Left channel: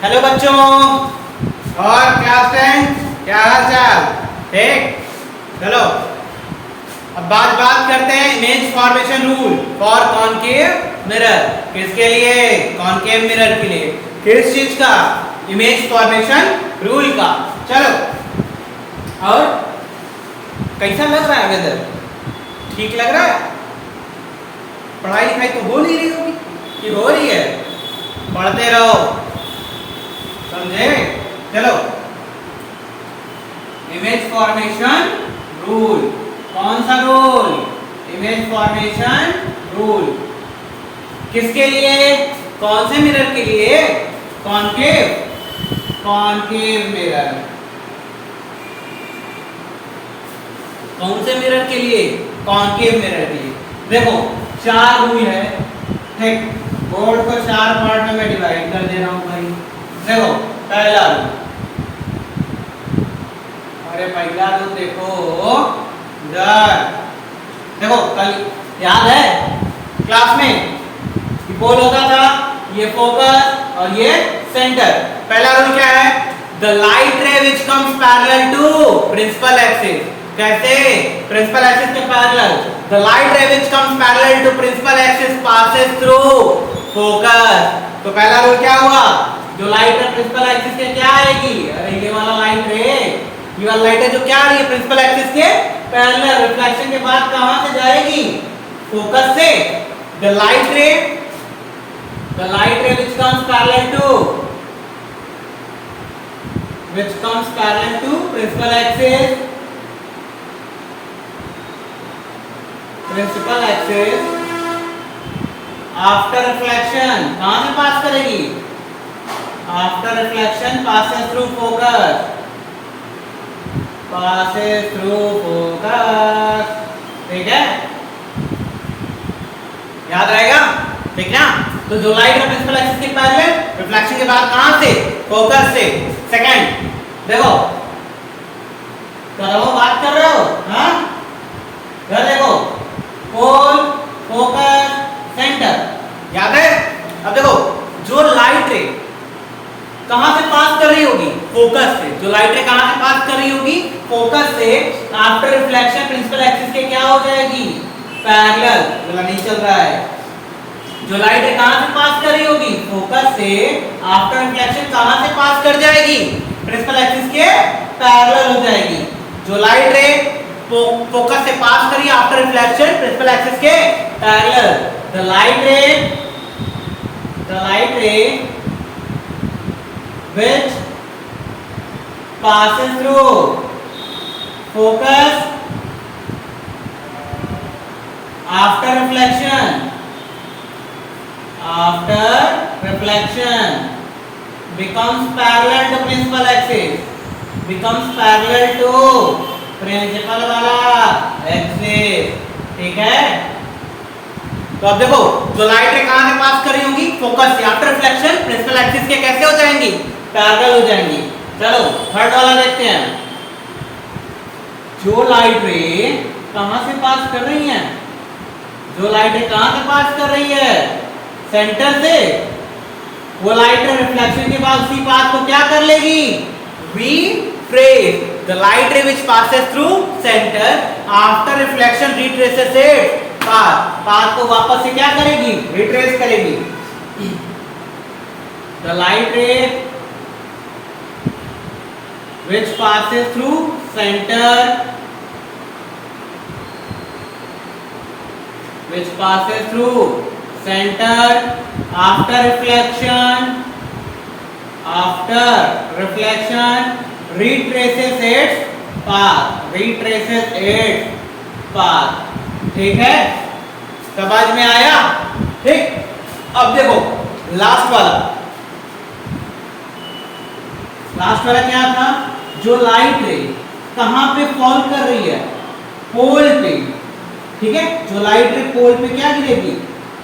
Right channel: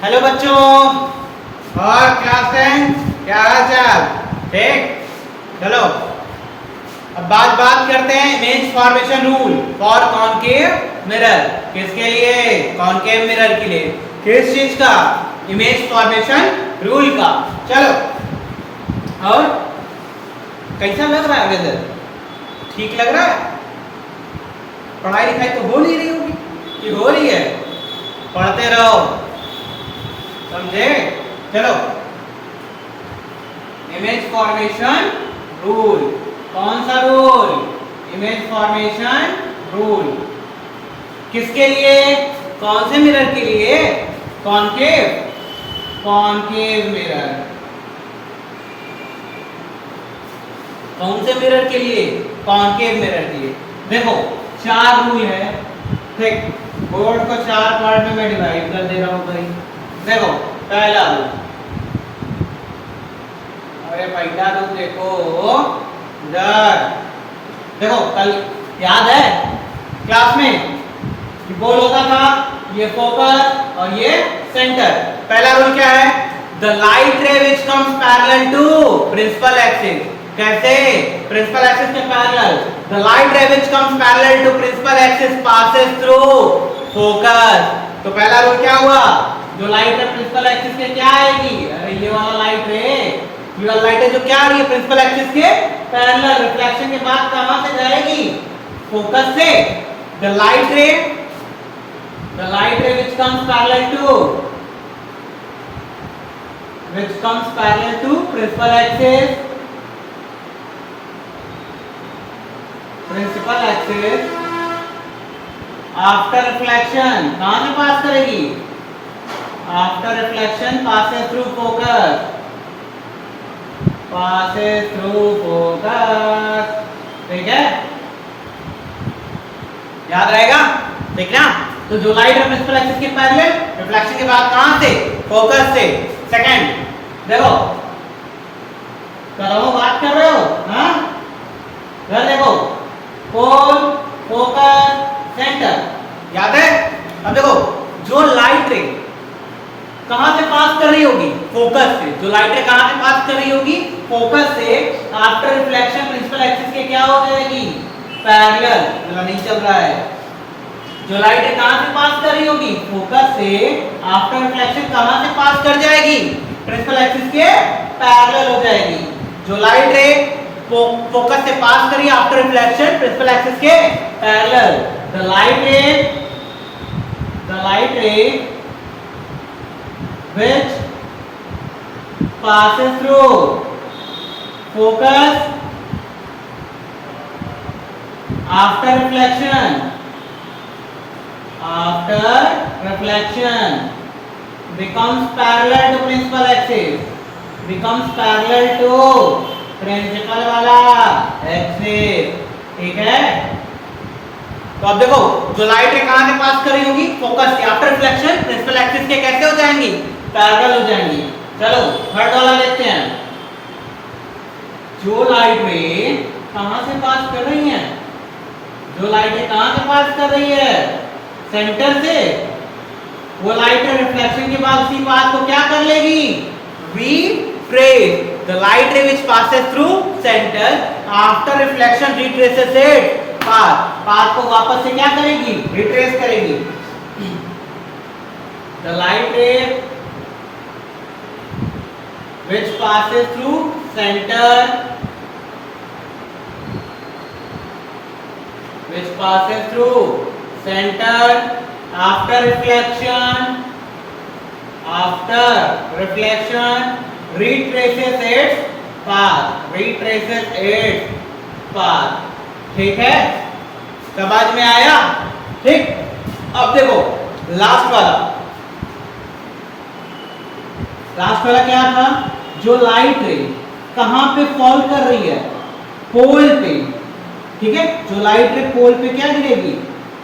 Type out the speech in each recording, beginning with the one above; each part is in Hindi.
हेलो बच्चों और क्लास 10 क्या हाल चाल। ठीक, चलो अब बात करते हैं image formation rule for concave mirror. किसके लिए? कॉनकेव मिरर के लिए। किस चीज का? इमेज फॉर्मेशन रूल का। चलो, और कैसा लग रहा है वेदर? ठीक लग रहा है? पढ़ाई लिखाई तो हो नहीं रही होगी कि हो रही है? पढ़ते रहो, समझे? चलो, इमेज फॉर्मेशन रूल। कौन सा रूल? Image formation rule. किसके लिए? कौन से मिरर के लिए? Concave mirror. कौन से मिरर के लिए? कॉनकेव मिरर के लिए। देखो, 4 रूल है। ठीक, बोर्ड को 4 पार्ट में मैं डिवाइड कर दे रहा हूं भाई। देखो, पहला रूल, अरे पहला रूल देखो इधर। देखो, कल याद है क्लास में कि बोल होता था ये फोकस और ये सेंटर। पहला रूल क्या है? The light ray which comes parallel to principal axis. कैसे? प्रिंसिपल एक्सिस के parallel. The light ray which comes parallel to principal axis passes through focus. तो पहला रूल क्या हुआ? जो लाइट है प्रिंसिपल एक्सिस के क्या आएगी? अरे ये वाला लाइट रे, ये वाला लाइट है जो क्या आ रही है प्रिंसिपल एक्सिस के पैरेलल। रिफ्लेक्शन के बाद कहां से जाएगी? फोकस से। द लाइट रे which comes parallel to principal axis after reflection कहां से पास करेगी? After reflection passes through focus। ठीक है, याद रहेगा? ठीक ना? तो जो लाइट है प्रिंसिपल एक्सिस के पैरेलल, रिफ्लेक्शन के बाद कहां से? फोकस से। सेकंड, देखो करो, बात कर रहे हो? हाँ, इधर देखो, पोल, फोकस, सेंटर, याद है? अब देखो, जो लाइट रे कहां से पास कर रही होगी? फोकस से। जो लाइट रे कहां से पास कर रही होगी? फोकस से। आफ्टर रिफ्लेक्शन प्रिंसिपल एक्सिस के क्या हो जाएगी? पैरेलल। चला नहीं चल रहा है। जो लाइट है कहां से पास कर रही होगी? फोकस से। आफ्टर रिफ्लेक्शन कहां से पास कर जाएगी? प्रिंसिपल एक्सिस के पैरेलल हो जाएगी। जो लाइट रे फोकस से पास करी आफ्टर रिफ्लेक्शन प्रिंसिपल एक्सिस के पैरेलल। द लाइट रे which passes through focus after reflection becomes parallel to principal axis, principal वाला एक्सिस। ठीक है, तो अब देखो, जो लाइट रे कहां से पास कर रही होगी? फोकस से। आफ्टर रिफ्लेक्शन प्रिंसिपल एक्सिस के कैसे हो जाएंगी? पैरेलल हो जाएंगी। चलो, थर्ड वाला देखते हैं। जो लाइट रे कहां से पास कर रही है? जो लाइट रे कहां से पास कर रही है? सेंटर से। वो लाइट रे रिफ्लेक्शन के बाद उसी पाथ को क्या कर लेगी? रिट्रेस। द लाइट रे which passes through centre after reflection retraces its path को वापस से क्या करेगी? रिट्रेस करेगी। द लाइट रे which passes through center after reflection retraces its path। ठीक है, समझ में आया? ठीक, अब देखो लास्ट वाला क्या था? जो लाइट रे कहां पे फॉल कर रही है? पोल पे। ठीक है, जो लाइट रे पोल पे क्या गिरेगी?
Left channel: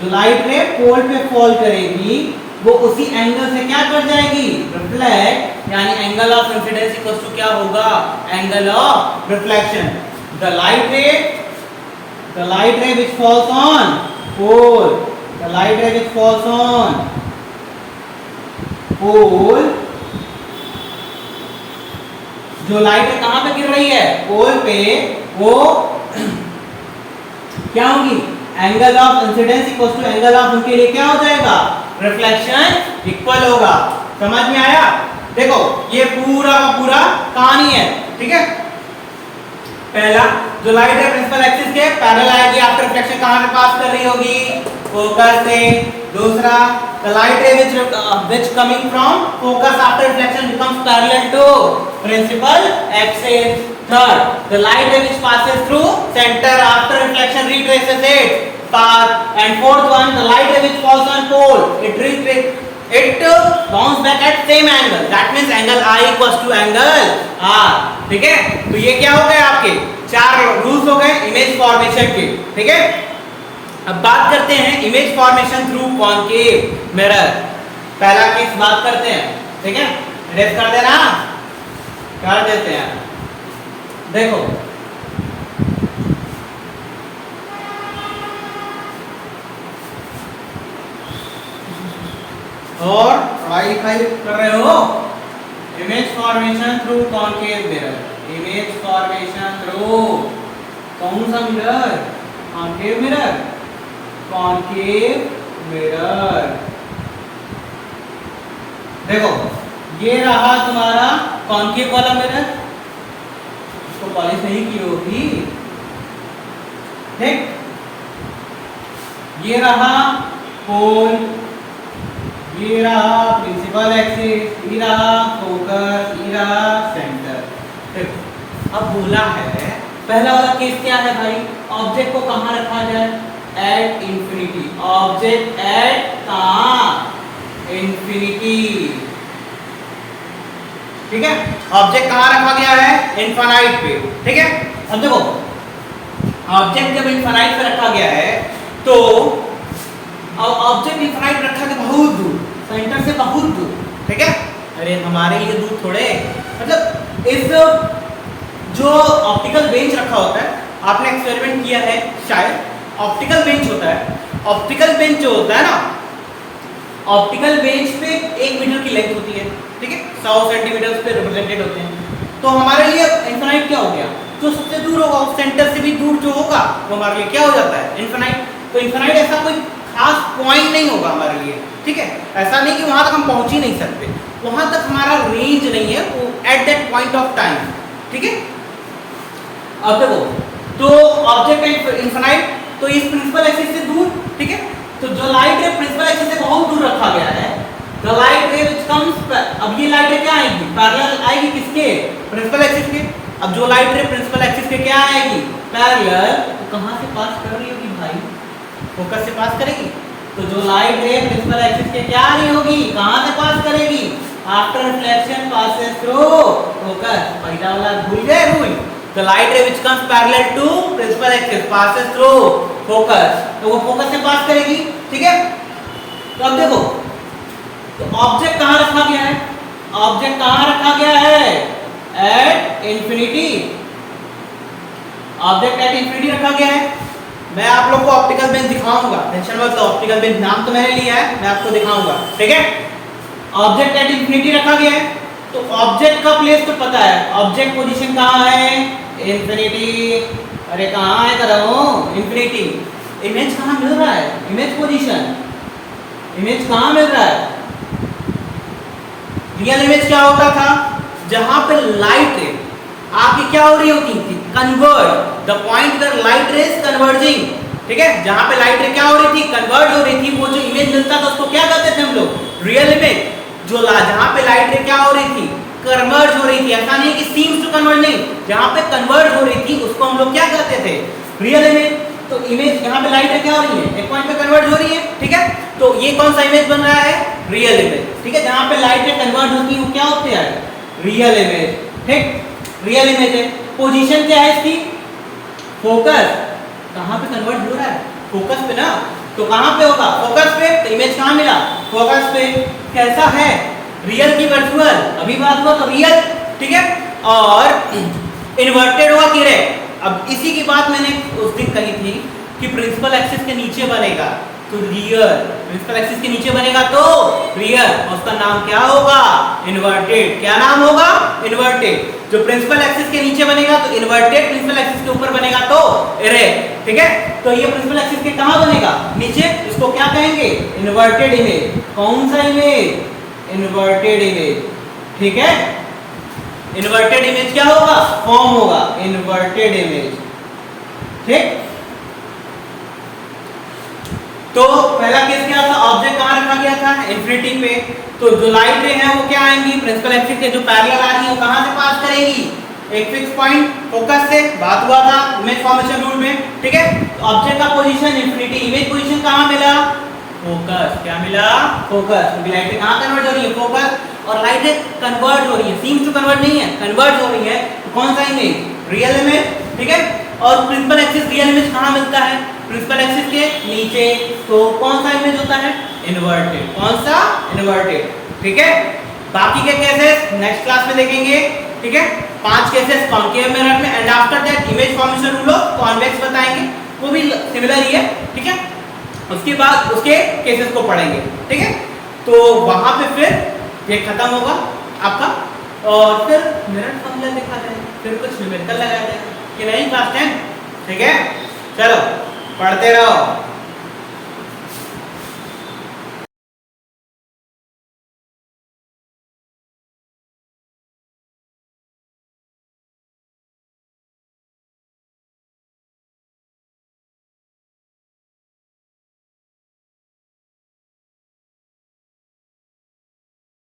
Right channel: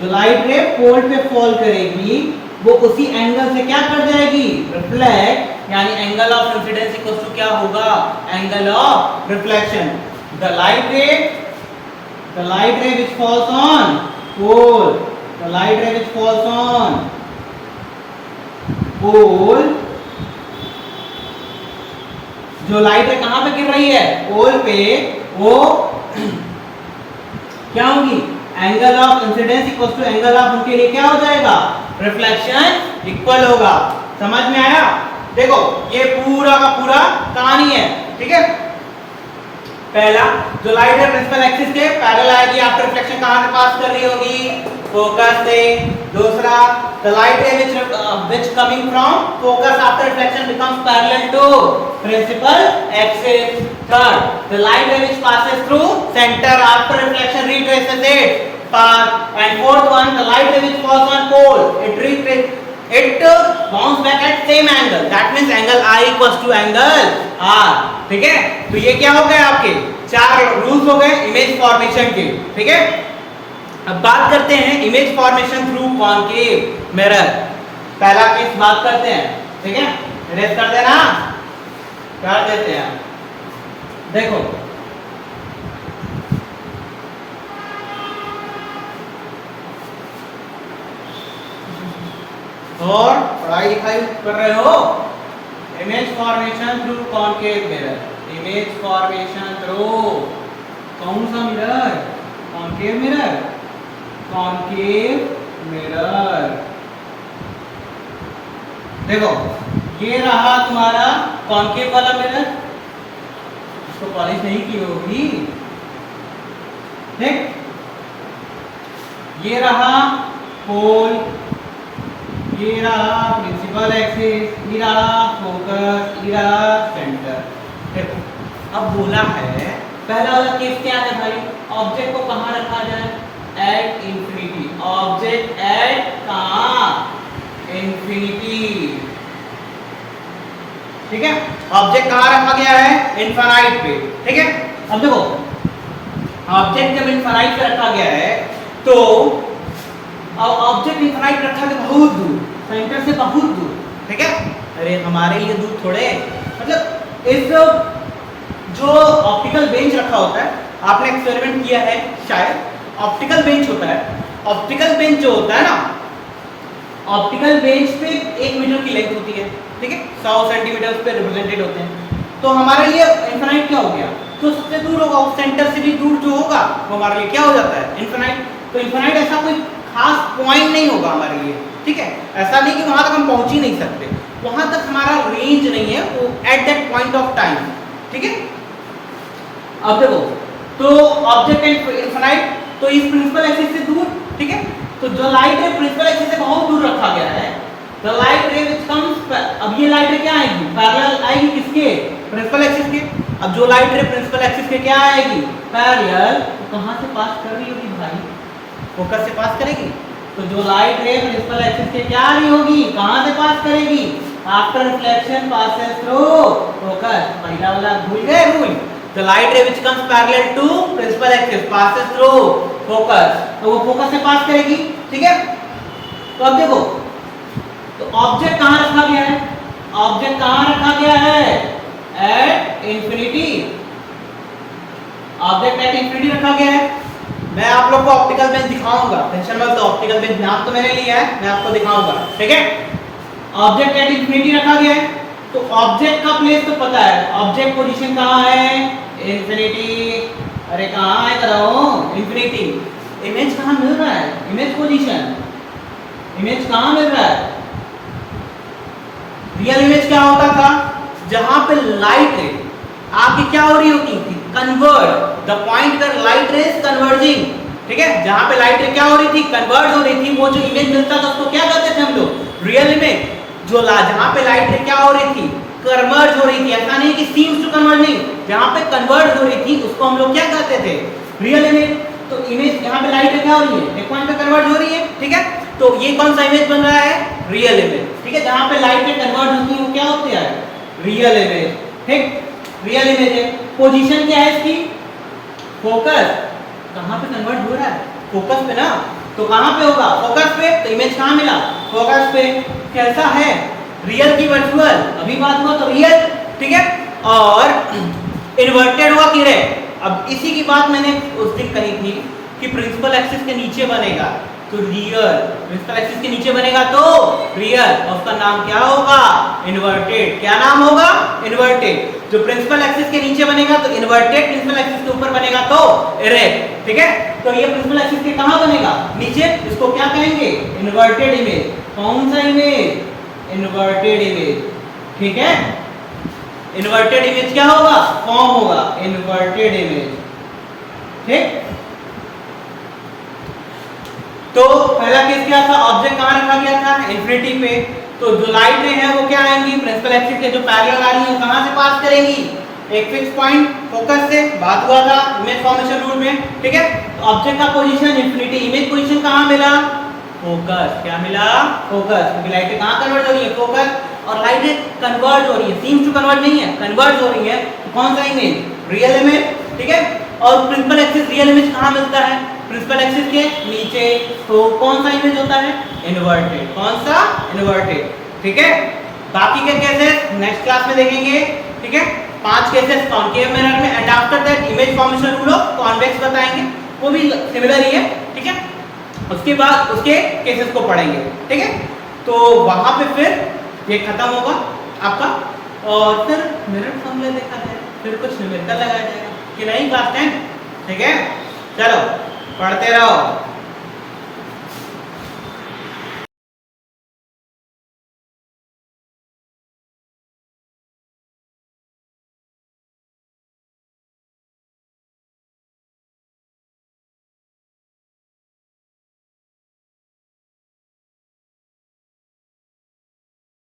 जो लाइट रे पोल पे फॉल करेगी वो उसी एंगल से क्या कर जाएगी? रिफ्लेक्ट। यानी angle of incidence equals to क्या होगा? Angle of reflection. The light ray which falls on pole pole, जो लाइट है कहां पे गिर रही है, पोल पे, वो क्या होगी, angle of incidence equal to angle of, उनके लिए क्या हो जाएगा, रिफ्लेक्शन इक्वल होगा। समझ में आया? देखो ये पूरा का पूरा कहानी है, ठीक है। पहला, जो लाइट है प्रिंसिपल एक्सिस के पैरेलल आएगी, आफ्टर रिफ्लेक्शन कहां से पास कर रही होगी, फोकस से। दूसरा, the light ray which coming from focus after reflection becomes parallel to principal axis. Third, the light ray which passes through center after reflection retraces its path. And fourth one, the light ray which falls on pole, it bounce back at same angle. That means angle I equals to angle R. ठीक है, तो ये क्या हो गए आपके चार रूल्स हो गए इमेज फॉर्मेशन के, ठीक है। अब बात करते हैं image formation through concave mirror. पहला केस बात करते हैं, ठीक है, रेस कर देना, कर देते हैं। देखो और पढ़ाई लिखाई कर रहे हो, image formation through concave mirror, image formation through कौन सा mirror, concave mirror, concave mirror. देखो ये रहा तुम्हारा कॉनकेव वाला मिरर, इसको पॉलिश नहीं की होगी, ठीक। ये रहा पोल, ये रहा प्रिंसिपल एक्सिस, ये रहा फोकस, ये रहा सेंटर। अब बोला है पहला वाला केस क्या है भाई, ऑब्जेक्ट को कहां रखा जाए, एट इंफिनिटी, ऑब्जेक्ट एट कहां, इंफिनिटी, ठीक है। ऑब्जेक्ट कहां रखा गया है, इनफाइनाइट पे, ठीक है। अब देखो ऑब्जेक्ट जब इनफाइनाइट पे रखा गया है तो अब ऑब्जेक्ट इनफाइनाइट रखा गया बहुत दूर, सेंटर से बहुत दूर, ठीक है। अरे हमारे लिए दूर थोड़े, मतलब इस जो ऑप्टिकल बेंच रखा होता है, आपने एक्सपेरिमेंट किया है शायद, ऑप्टिकल बेंच होता है, ऑप्टिकल बेंच जो होता है ना, ऑप्टिकल बेंच पे 1 मीटर की लेंथ होती है, ठीक है, 100 सेंटीमीटर उस पे रिप्रेजेंटेड होते हैं। तो हमारे लिए इनफिनाइट क्या हो गया, जो सबसे दूर होगा उस सेंटर से भी दूर जो होगा वो हमारे लिए क्या हो जाता है, इनफिनाइट। तो इनफिनाइट ऐसा कोई खास पॉइंट नहीं होगा हमारे लिए, ठीक है। ऐसा नहीं कि वहां तक हम पहुंच ही नहीं सकते, वहां तक हमारा रेंज नहीं है वो at that point of time, ठीक है। अब देखो तो ऑब्जेक्ट इनफिनाइट, तो इस प्रिंसिपल एक्सिस से दूर, ठीक है। तो जो लाइट रे प्रिंसिपल एक्सिस से बहुत दूर रखा गया है, द लाइट रे व्हिच कम्स, अब ये लाइट रे क्या आएगी, पैरेलल आएगी किसके, प्रिंसिपल एक्सिस के। अब जो लाइट रे प्रिंसिपल एक्सिस के क्या आएगी, पैरेलल, तो कहां से पास कर रही होगी भाई, फोकस से पास करेगी। तो जो लाइट रे प्रिंसिपल एक्सिस के क्या आ रही होगी, कहां से पास करेगी, after reflection passes through focus. पहला वाला भूल गए rule, the light ray which comes parallel to principal axis passes through focus, तो वो फोकस से पास करेगी, ठीक है। तो अब देखो तो ऑब्जेक्ट कहां रखा गया है, ऑब्जेक्ट कहां रखा गया है, at infinity, object at infinity रखा गया है। मैं आप लोग को ऑप्टिकल बेंच दिखाऊंगा, टेंशन मत लो, ऑप्टिकल बेंच नाम तो मैंने लिया है, मैं आपको दिखाऊंगा, ठीक है। ऑब्जेक्ट एट इंफिनिटी रखा गया है, तो ऑब्जेक्ट का प्लेस तो पता है, ऑब्जेक्ट पोजीशन कहां है, इंफिनिटी। अरे कहां है कर रहा हूं, इंफिनिटी। इमेज कहां मिल रहा है, इमेज पोजीशन, इमेज कहां मिल रहा है, रियल इमेज क्या होता था, जहां पे लाइट रे आपकी क्या हो रही होती थी, convert, the point where light ray is converging, ठीक है। जहां पे लाइट रे क्या हो रही थी, कन्वर्ज हो रही थी, वो जो इमेज मिलता था उसको क्या कहते थे हम लोग, रियल इमेज। जो जहां पे लाइट रे क्या हो रही थी, कन्वर्ज हो रही थी, ऐसा नहीं कि सीम्स टू कन्वर्ज नहीं, जहां पे कन्वर्ज हो रही थी उसको हम लोग क्या कहते थे, रियल इमेज। तो इमेज यहाँ पे लाइट रे क्या हो रही है, एक पॉइंट पे कन्वर्ज हो रही है, ठीक है। तो ये कौन सा इमेज बन रहा है, रियल इमेज, ठीक है। जहां पे लाइट रे कन्वर्ज होती है वो क्या होते हैं, रियल इमेज, ठीक, रियल इमेज है। पोजीशन क्या है इसकी, फोकस, कहां पे कन्वर्ट हो रहा है, फोकस पे ना, तो कहां पे होगा, फोकस पे। तो इमेज कहां मिला, फोकस पे। कैसा है, रियल की वर्चुअल, अभी बात हुआ तो रियल, ठीक है। और इन्वर्टेड हुआ कि अब इसी की बात मैंने उस दिन कही थी कि प्रिंसिपल एक्सिस के नीचे बनेगा, तो रियल प्रिंसिपल एक्सिस के नीचे बनेगा तो रियल, और उसका नाम क्या होगा? इन्वर्टेड। क्या नाम होगा? इन्वर्टेड। जो प्रिंसिपल एक्सिस के नीचे बनेगा तो इन्वर्टेड, प्रिंसिपल एक्सिस के ऊपर बनेगा तो इरेक्ट। ठीक है, तो ये प्रिंसिपल एक्सिस के कहां बनेगा? नीचे। इसको क्या कहेंगे? Inverted image. कौन सा इमेज? Inverted image. ठीक है, इन्वर्टेड इमेज क्या होगा? फॉर्म होगा इन्वर्टेड इमेज। ठीक, तो पहला केस क्या था? ऑब्जेक्ट कहां रखा गया था? इन्फिनिटी पे। तो जो लाइट रे है वो क्या आएंगी? प्रिंसिपल एक्सिस के जो पैरेलल आ रही है वो कहां से पास करेगी? एक फिक्स पॉइंट फोकस से। बात हुआ था इमेज फॉर्मेशन रूल में। ठीक है, तो ऑब्जेक्ट का पोजीशन इन्फिनिटी, इमेज पोजीशन कहां मिला? फोकस। क्या मिला? फोकस। क्योंकि लाइट रे कहां कन्वर्ट हो रही है? फोकस। और लाइट रे कन्वर्ट हो रही है, सीम्स टू कन्वर्ट नहीं है, कन्वर्ट हो रही है। तो कौन सा इमेज? Real image. ठीक है, और प्रिंसिपल एक्सिस रियल इमेज कहां मिलता है? प्रिंसिपल एक्सिस के नीचे। तो कौन सा इमेज होता है? इन्वर्टेड। कौन सा? इन्वर्टेड। ठीक है, बाकी के केसेस नेक्स्ट क्लास में देखेंगे। ठीक है, 5 केसेस कॉन्केव मिरर में, and after that image formation rule of convex बताएंगे, वो भी सिमिलर ही है। ठीक है, उसके बाद उसके केसेस को पढ़ेंगे। ठीक है, तो वहां पे फिर ये खत्म होगा आपका, और फिर मिरर फॉर्मूला देखा जाएगा, फिर कुछ न्यूमेरिकल लगाया जाएगा कि नहीं क्लास 10। ठीक है, चलो पढ़ते रहो।